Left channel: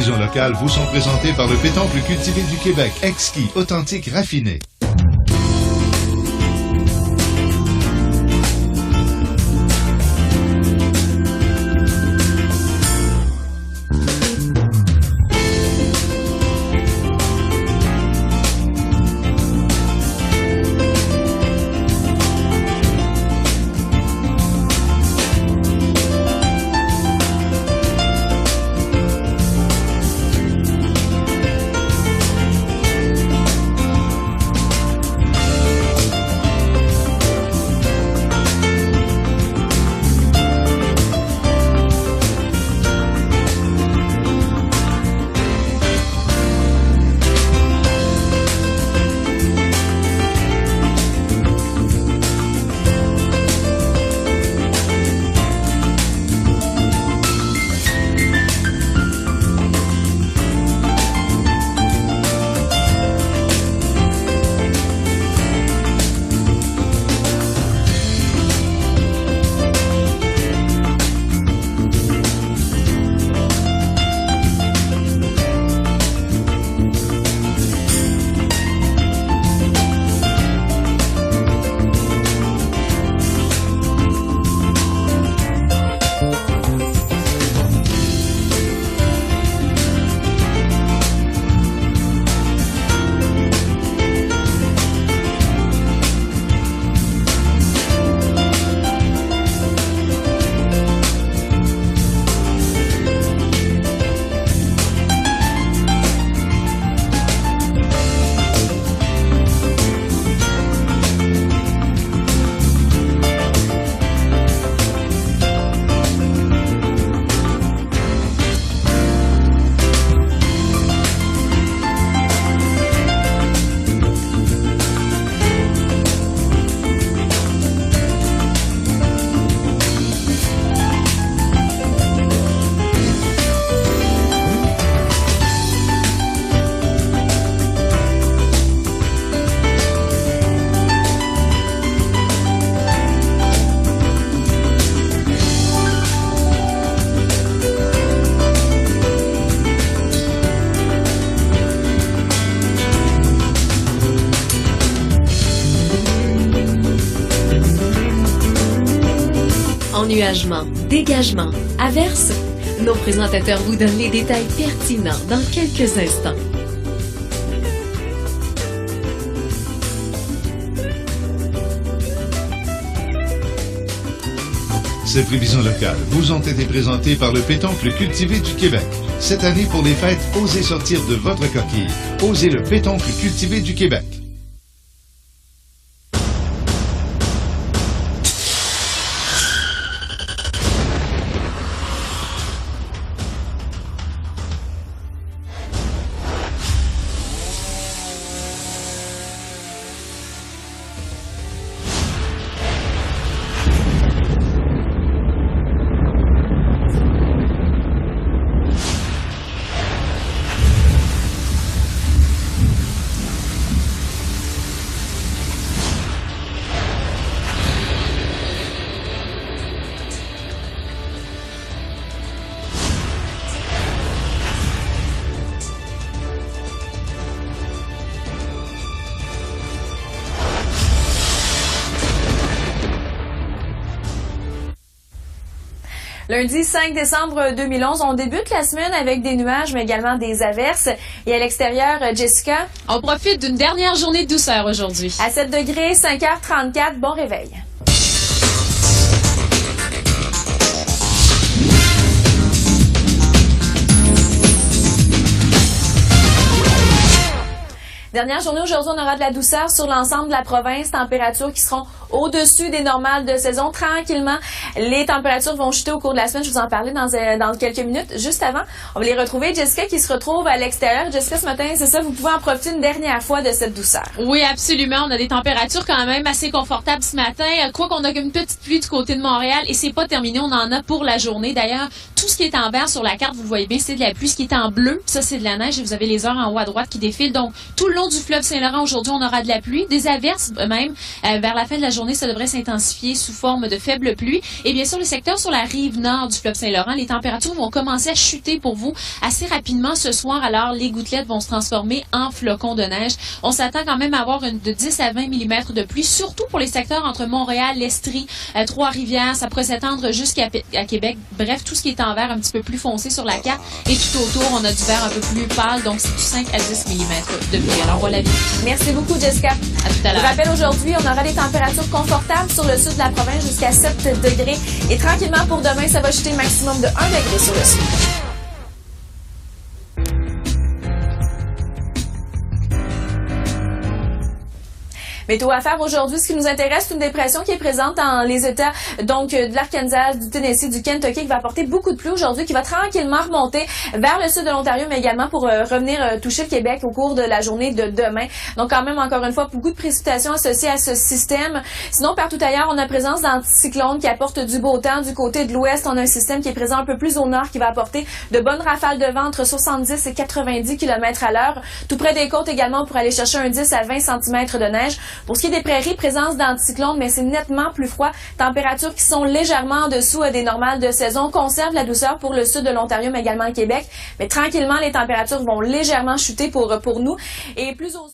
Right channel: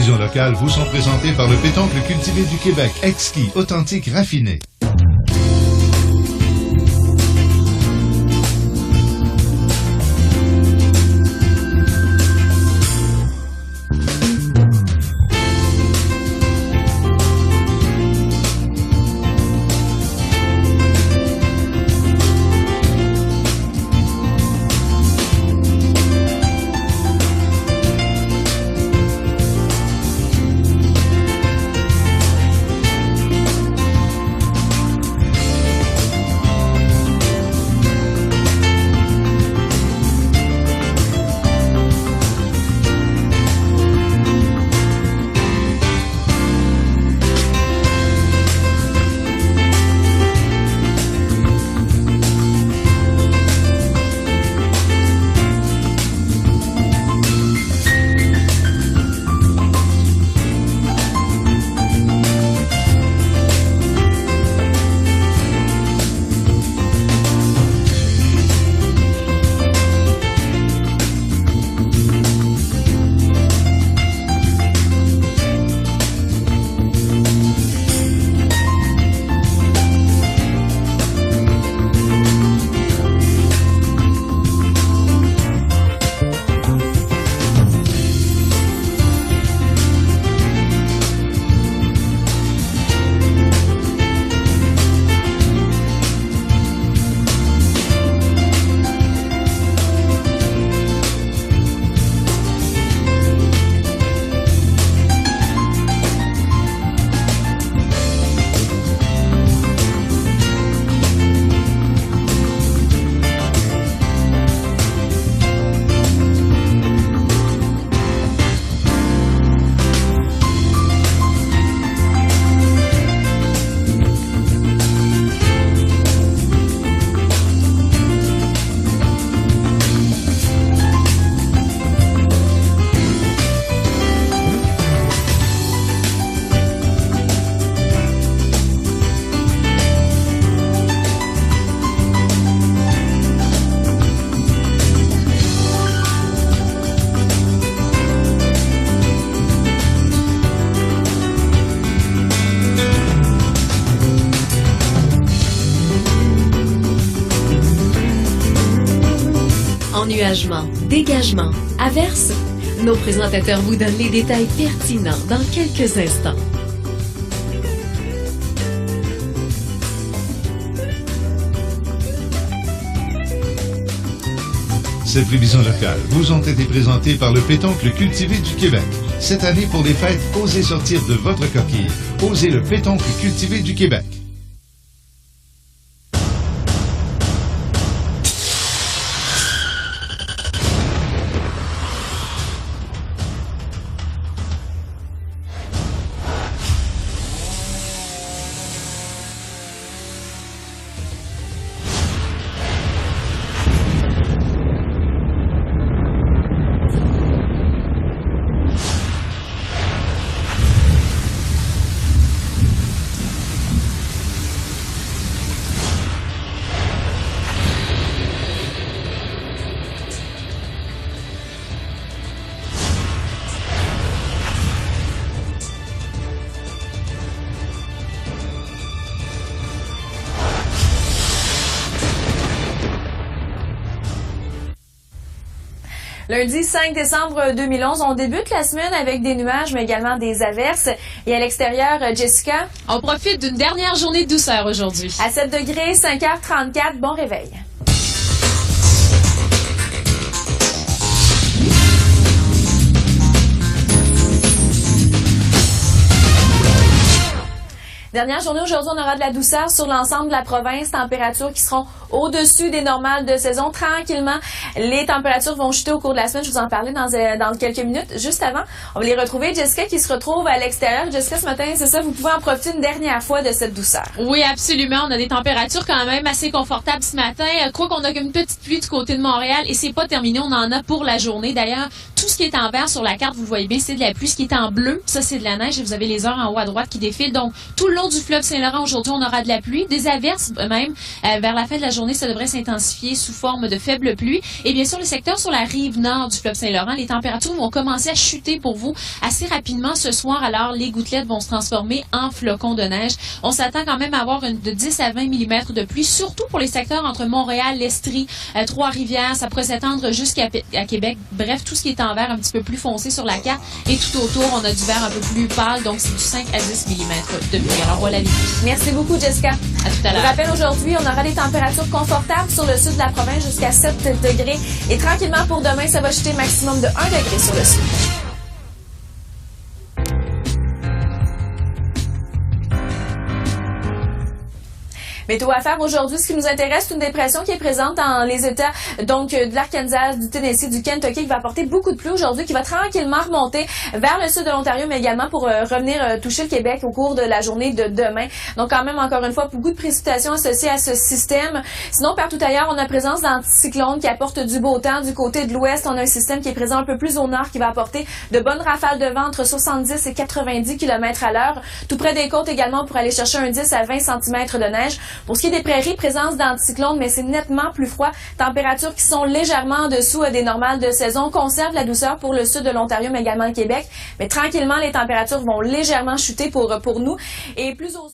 prévisions locales vous sont présentées par le pétoncle cultivé du Québec, exquis, authentique, raffiné. Ennuagement, dégagement, averse. Nos présentateurs vous donnent les détails pertinents dans quelques instants. Ces prévisions locales vous ont été présentées par le pétoncle cultivé du Québec. Cette année, pour les fêtes, osez sortir de votre coquille. Osez le pétoncle cultivé du Québec. Lundi 5 décembre 2011, on débute la semaine avec des nuages, mais également des averses. Et à l'extérieur, Jessica? On profite d'une dernière journée de douceur aujourd'hui. À 7 degrés, 5h34, bon réveil. Dernière journée aujourd'hui, on aura de la douceur sur l'ensemble de la province. Températures qui seront au-dessus des normales de saison. Tranquillement, les températures vont chuter au cours de la semaine. Je vous en parlais dans quelques minutes. Juste avant, on va les retrouver. Jessica qui se retrouve à l'extérieur. Jessica, ce matin, c'est ça, vous pouvez en profiter une dernière fois de cette douceur. Oui, absolument. On a des températures quand même assez confortables ce matin. Quoi qu'on a une petite pluie du côté de Montréal et c'est pas terminé. On en a pour la journée. D'ailleurs, tout ce qui est en vert sur la carte, vous le voyez bien, c'est de la pluie. Ce qui est en bleu, ça, c'est de la neige. Et vous avez les heures en haut à droite qui défilent. Donc, tout le long long du fleuve Saint-Laurent, aujourd'hui, on aura de la pluie, des averses même. Vers la fin de la journée, ça devrait s'intensifier sous forme de faibles pluies. Et bien sûr, le secteur sur la rive nord du fleuve Saint-Laurent, les températures vont commencer à chuter pour vous assez rapidement ce soir. Alors, les gouttelettes vont se transformer en flocons de neige. On s'attend quand même à avoir de 10 à 20 mm de pluie, surtout pour les secteurs entre Montréal, l'Estrie, Trois-Rivières. Ça pourrait s'étendre jusqu'à Québec. Bref, tout ce qui est en vert un petit peu plus foncé sur la carte. Et tout autour, on a du vert un peu plus pâle, donc c'est du 5 à 10 mm de pluie. Alors, voilà. Merci beaucoup, Jessica. À tout à l'heure. Je rappelle, aujourd'hui, on aura des températures confortables sur le sud de la province jusqu'à 7 degrés. Et tranquillement, pour demain, ça va chuter maximum de 1 degré sur le sud. Météo à faire aujourd'hui, ce qui nous intéresse, c'est une dépression qui est présente dans les États donc de l'Arkansas, du Tennessee, du Kentucky, qui va apporter beaucoup de pluie aujourd'hui, qui va tranquillement remonter vers le sud de l'Ontario, mais également pour revenir toucher le Québec au cours de la journée de demain. Donc quand même, encore une fois, beaucoup de précipitations associées à ce système. Sinon, partout ailleurs, on a présence d'anticyclones qui apportent du beau temps. Du côté de l'ouest, on a un système qui est présent un peu plus au nord, qui va apporter de bonnes rafales de vent entre 70 et 90 km à l'heure. Tout près des côtes également, pour aller chercher un 10 à 20 cm de neige. Pour ce qui est des prairies, présence d'anticyclones, mais c'est nettement plus froid. Températures qui sont légèrement en dessous des normales de saison. On conserve la douceur pour le sud de l'Ontario, mais également le Québec. Mais tranquillement, les températures vont légèrement chuter pour nous. Et plus au